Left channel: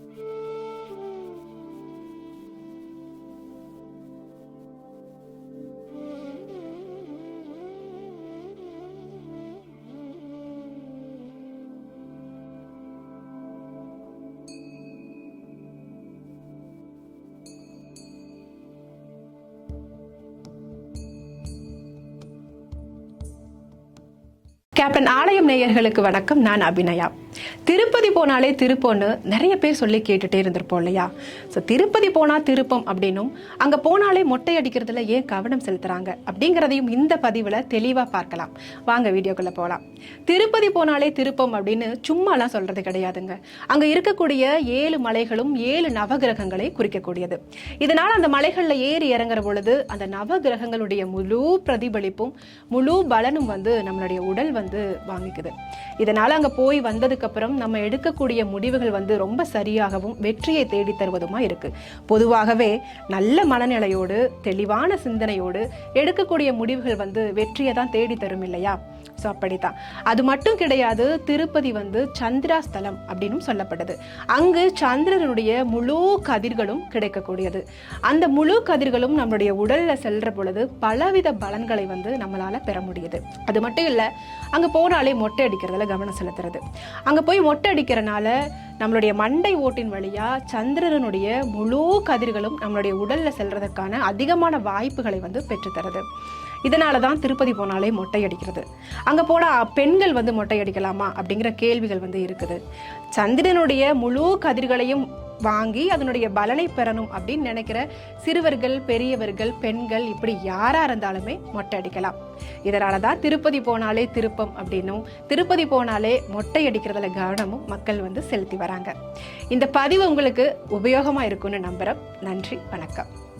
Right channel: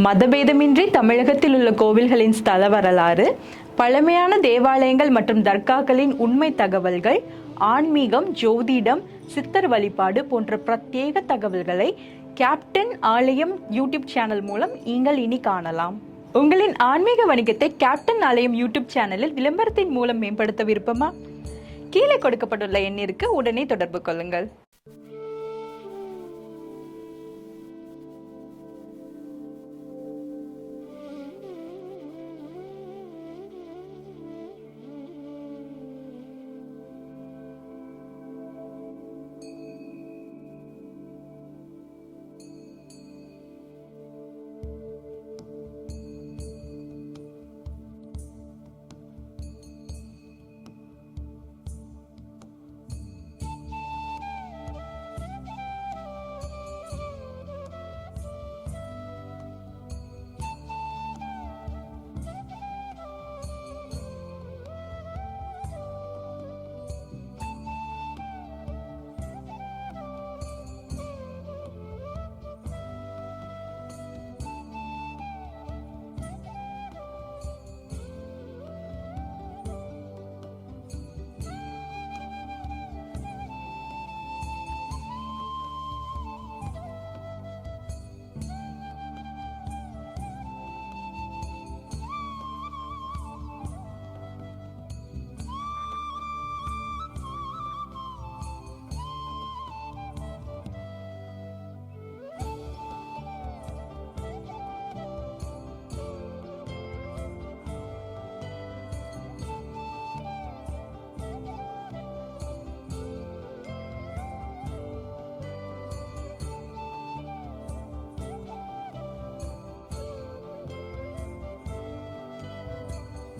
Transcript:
மதபேதமின்றி தமிழகத்தில் உள்ள கோவில்களின் ஸ்தல வரலாறு, பழமையான தேவாலயங்கள் மற்றும் தர்காக்களின் உண்மை தகவல்கள், ஆன்மீகம், ஜோதிடம், சித்தர் வழிபாடு போன்ற பிரத்யேக தகவல்களை கேப்டன் ஆலயம் யூடியூப் சேனல் மூலம் நீங்கள் இனி காணலாம். உங்களின் ஆன்மீக வணிகத்தை கேப்டன் ஆலயம் யூடியூப் சேனலில் விளம்பரத்தின் மூலம் மேம்படுத்த விருப்பமா? கீழே கொடுக்கப்பட்டுள்ள எண்ணிற்கு உடனே தொடர்பு கொள்ளுங்கள். கேப்டன் ஆலயம் நேயர்களுக்கு வணக்கம். நான் அபிநயா. திருப்பதி போனாலே திருப்பம்னு நிறைய பேர் சொல்லி கேட்டுட்டே இருந்திருப்போம் இல்லையா? ஸோ திருப்பதி போனா திருப்பம் அப்படின்னும், அங்க போனாலே மொட்டை அடிக்கிறதுல ஏன் கவனம் செலுத்துறாங்க அப்படிங்கிறதையும் இந்த பதிவுல தெளிவா பார்க்கலாம். வாங்க வீடியோக்குள்ள போகலாம். திருப்பதி போனாலே திருப்பம் அப்படின்னு சும்மாலாம் சொல்றது கிடையாதுங்க. அங்க இருக்கக்கூடிய 7 மலைகளும் 7 நவகிரகங்களை குறிக்கக்கூடியது. இதனால அந்த மலைகள்ல ஏறி இறங்குற பொழுது அந்த நவகிரகங்களுடைய முழு பிரதிபலிப்பும் முழு பலனும் நம்மளுடைய உடல் வாங்கிக்குது. இதனால அங்க போய் வந்ததுக்கு அப்புறம் நம்ம எடுக்கக்கூடிய முடிவுகள் ரொம்ப சரியாகவும் வெற்றியை தேடி தருவதுமா இருக்கு. பொதுவாகவே நல்ல மனநிலையோடு தெளிவான சிந்தனையோடு எடுக்கக்கூடிய முடிவுகள் வெற்றியை தான் தேடி தரும் இல்லையா? ஸோ அப்படித்தான். அது மட்டும் கிடையாது, திருப்பதி சந்திராஸ்தலம் அப்படின்னு சொல்லப்படுது. அங்கு சந்திரனுடைய முழு கதிர்களும் கிடைக்கக்கூடியது. அந்த முழு கதிர்களும் நம்மளுடைய உடல்ல செல்ற பொழுது பலவித பலன்களை நம்மளால பெற முடியுது. அது மட்டும் இல்ல, அங்க போனாலே மொட்டை அடிக்கிறதுல கவனம் செலுத்துறது. அங்க போய் மொட்டை அடிக்கிறனால நம்மளுடைய மண்டை ஓட்டின் வழியா சந்திரனுடைய முழு கதிர்களும் நம்மளுடைய உடல்ல செல்றதுக்கான அதிகமான வாய்ப்புகளை பெற்றுத்தருது. இதனாலதான் திருப்பதி போனாலே மொட்டை அடிக்கிறது. அங்க போனா பெண்கள் மொட்டை அடிக்கலாமா அப்படிங்கிற கேள்விகள் இருக்குது. சந்திரனுடைய முழு கதிர்களையும் வாங்கி அதனுடைய பலனை பெறணும் அப்படின்னு நினைக்கிற சிறுவர்கள், பெரியவர்கள், பெண்கள் இப்படி யாரா இருந்தாலுமே மொட்டை அடிக்கலாம். இதனாலதான் திருப்பதி போனாலே திருப்பம் அப்படின்னும், திருப்பதி போனாலே மொட்டை அடிக்கிறதுல கவனமும் மக்கள் செலுத்தி வராங்க. இந்த பதிவு உங்களுக்கு உபயோகமா இருக்கும்னு நம்புறேன். நன்றி, வணக்கம்.